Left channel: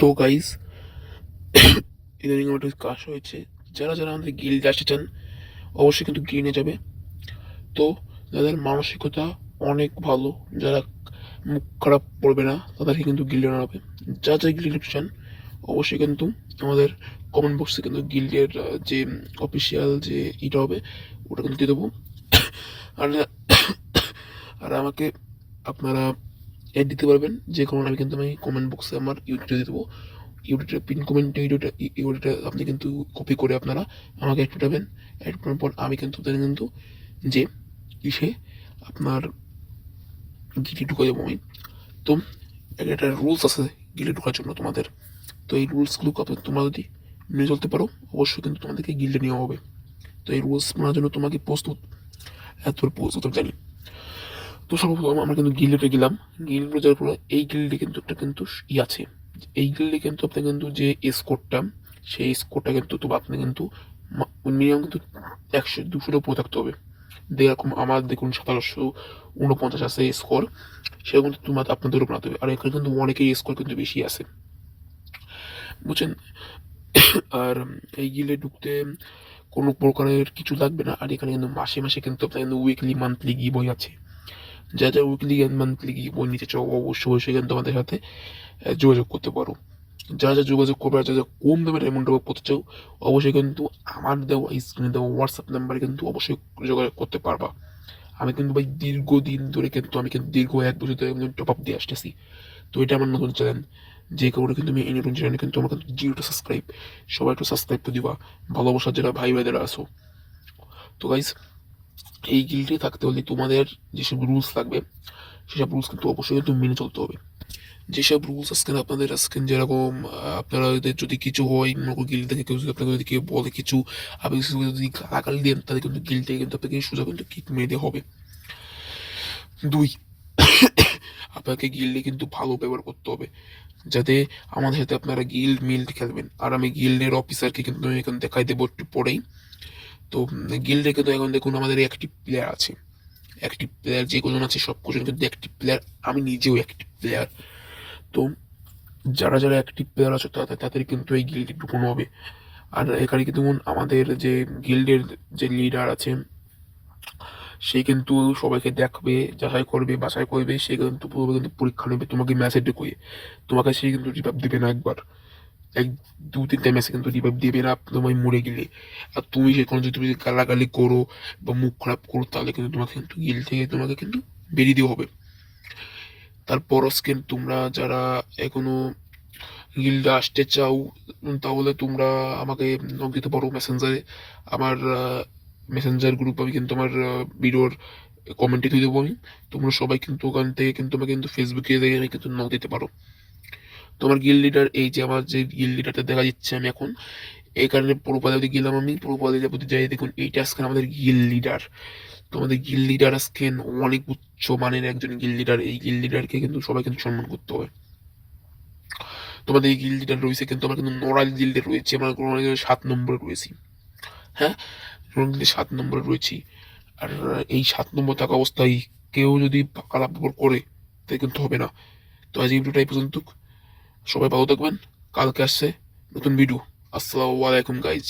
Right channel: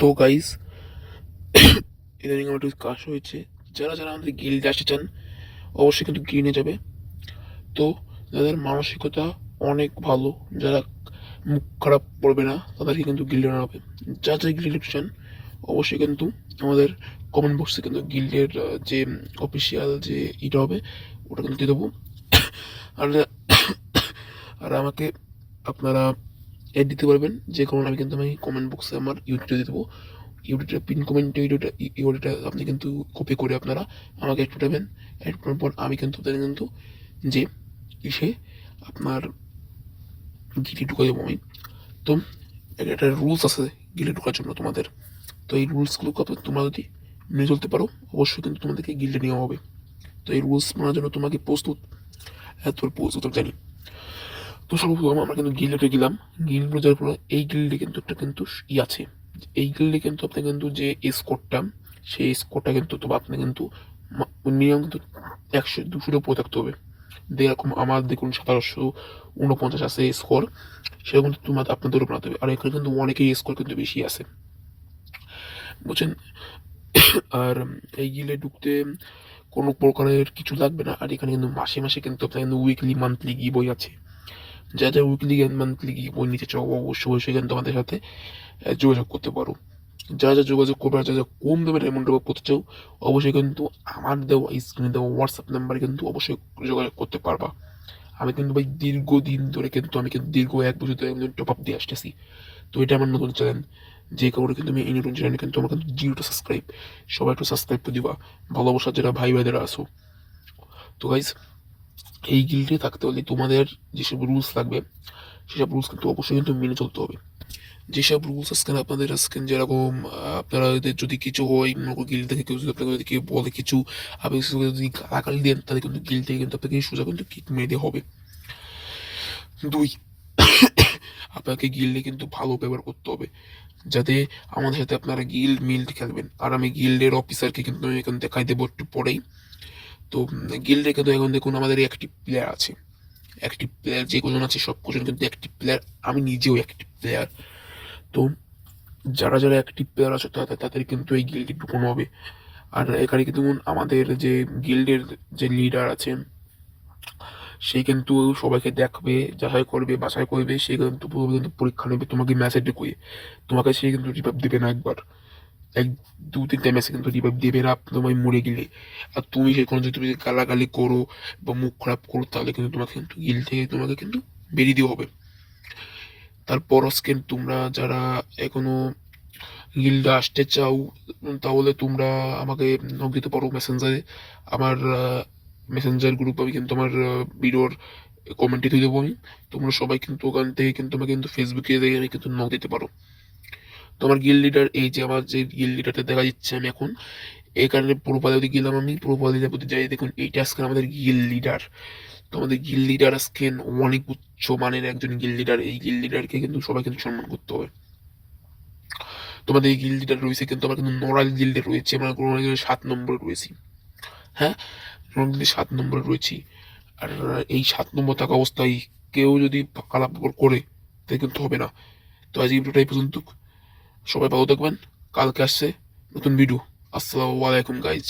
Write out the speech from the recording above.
তো গাইস, ইদানিং আমার একটু কাজ হয়েছে। যারা যারা আমাদের গিল্ডে আসতে চান অবশ্যই কিন্তু গিল্ডে যাবে। তো যাদের মানসিকতা অনেক ভালো, যারা মুখ খারাপ পড়বে না, তাদেরকে কিন্তু গিল্ডে আনা হবে। যারা যারা গিল্ডে চান অবশ্যই কিন্তু আমাদের কমেন্ট বক্সে কিন্তু গিল্ডের যে অফিসিয়াল যে এটা হবে ওটা কিন্তু দিয়ে দেবো। আর আর আমাকে আপনারা অ্যাড দিতে পারবেন যে কারণে আমি কমেন্ট বক্সে আমার ইউটিউবে দিয়ে দেবো। ইউটিউবটা পিন কমেন্ট ইউটিউবটা আপনি কিন্তু কপি করে আপনারা আমাকে অ্যাড পাঠাবেন। অ্যাড করার পর আমি কিন্তু তাকে কিন্তু যে ইসে আপনার গিলে ঢুকে যাবো আমি। তো একটা রুলস আছে গিলে ঢোকার জন্য তোমাদের। তো এই রুলসগুলো তোমরা যদি মেনে চলতে পারো অবশ্যই কিন্তু তোমাদেরকে গিল্ডে নেওয়া হবে। তো এই রুলস মানার জন্য তোমাকে প্রস্তুত, এত প্রস্তুত জানি। তো সর্বপ্রথম আমরা কিন্তু গিল্ডে গেলাম। গিল্ডে যাওয়ার পর এই গিল্ডে কিন্তু একটা কিন্তু আছে। এই গিল্ডে কিন্তু আপনি কিন্তু যে স্কোরটা, সেই স্কোরটা কিন্তু আপনি কিন্তু মিনিমাম কিন্তু 100-200 উপরে থাকতে হবে। যেরকম আমার দেখুন 1749 আছে স্কোর, সেরকম কিন্তু তোমার আপনাদেরও বানাতে হবে। আর এখানে কিন্তু অনেকের স্কোর কিন্তু বেশি আছে, বুঝছেন। আর এই গিল্ডে ঢুকতে কোনো প্রকারের কিছু লাগবে না। আর এখানে কিন্তু মাসে মাসে কিন্তু আপনার কিন্তু উইকলি মান্থলি গিভ বই আছে। যা যা উইকলি মান্থলি গিভ বই নিতে চাও অবশ্যই অবশ্যই কিন্তু আমাদের সাথে যোগাযোগ করতে পারো। যা যা যোগাযোগ করবে আর যা যা কম দামের এমন করতে চাও অবশ্যই কিন্তু আমার দেওয়া স্ক্রিনে দেওয়া হোয়াটসঅ্যাপ নাম্বারে কিন্তু অবশ্যই যোগাযোগ করতে পারবা। আমি কিন্তু ভাই দীর্ঘদিন ধরে কিন্তু দীর্ঘ 1 বছর ধরে টপ আপ দিয়ে আসতেছি। তো এটা আমার নতুন চ্যানেল, যে কারণে কিন্তু আমি এই নতুন চ্যানেলে কিন্তু আমার কিন্তু 0 সাবস্ক্রাইব। সবাই একটু সাবস্ক্রাইব করে দিবা, ভালোবাসার যারা ভাই ভাইদেরা আসো। তো গাইজ, এই গিল্ডে থাকতে হলে তোমাদের যেসব রুলস লাগবে সেসব রুলস কিন্তু অবশ্যই কিন্তু মেনে চলতে হবে। যেসব রুলস আজকে আপনাদের আজকে যেরকম আপনারা যদি কিছু হয় গিল্ড থেকে কেউ যদি আপনাকে যদি কেউ বলে কিছু, আপনি যদি গালাগালি দেন তাহলে কিন্তু গিল্ড থেকে কিন্তু আপনাকে সোজা কিন্তু কিক মেরে দেওয়া হবে। 2, আপনাকে গিল্ডে কিন্তু ভালো ব্যবহার করতে হবে, যাতে আমাদের সাথে আপনারা গিল্ড মিল্ড খেলবেন। আর আমি গিল্ডের অফিসারকে কিন্তু আমি এখন দেখাই দেবো একটু পরেই। তো গিল্ডে কিন্তু এখন দেখুন আমাদের অ্যাক্টিভ প্লেয়ার আছে। অ্যাক্টিভ প্লেয়ার যে কজন আছে সব কজন কিন্তু অ্যাক্টিভ প্লেয়ার, আমি নিজেও অ্যাক্টিভ প্লেয়ার। তো যারা যারা অ্যাক্টিভ প্লেয়ার আছে তাদের কিন্তু এই গিল্ডে ঢুকানো হবে। আর এখানে কিন্তু আমাদের যে গিল্ডের যে লিডার আছে সে কিন্তু সবাইকে দেখবে, যাচাই করবে, বাছাই করবে। সে কিন্তু পুরো কিন্তু পরীক্ষা নেবে তোমাকে ম্যাচে ঢুকিয়ে। তোমাকে সে কিন্তু রিভাইভ দেবে না একবার, 1-2-3টা ম্যাচে কিন্তু রিভাইভ দেবে না তোমায় মরে গেলে। আর তুমি সেখানে যদি তুমি গালাগালি করো বা মুখ খারাপ করো তাহলে কিন্তু তোমাকে কিন্তু গিল্ড থেকে তোমাকে কিন্তু বেরিয়ে দেওয়া হবে। তারপর আজকে তোমরা যারা এখনো গিল্ডে আসতে চাও তাহলে তোমরা আমাকে নক দিতে পারো মেসেঞ্জারে। আমার মেসেঞ্জার গ্রুপ আমি কিন্তু আমার ভিডিওর কমেন্টে দিয়ে দেবো আমি। তোমরা সবাই কিন্তু ওখান থেকে কিন্তু আমাকে কিন্তু ফেসবুকে আমি কিন্তু নক দিতে পারো। তো আমার গিল্ড লিডার, এই যে আমার যে গিল্ড লিডারটা দেখা যাচ্ছে আমি এখন, এই কারণে প্রোপালে গেলাম আমি। প্রোপালে যাই দেখুন এইটা আজকে আমাদের গিল্ড লিডার। তো আমাদের গিল্ড লিডার আজকে অনেক উচ্চ মানের একজন গিল্ড লিডার। এই গিল্ড লিডারকে কিন্তু সবাই কিন্তু সম্মান করতে হবে। তোমাদের এই গিল্ড লিডার রয়েছে কিন্তু আমার কিন্তু নোরাল গিল্ডে রয়েছে, আমরা 7 নম্বরে রয়েছি। হ্যাঁ, নোরাল গিল্ডে 7 নম্বরে রয়েছি। আর এই 7 নম্বর থাকা অবস্থায় কেউ যদি খারাপ ব্যবহার করে তাহলে কিন্তু হবে না। তো আজ এই ভিডিওটাই পর্যন্ত। সবাই ভালো থাকবেন। কালকে আসছে নতুন ভিডিও। আসসালামু আলাইকুম গাইজ।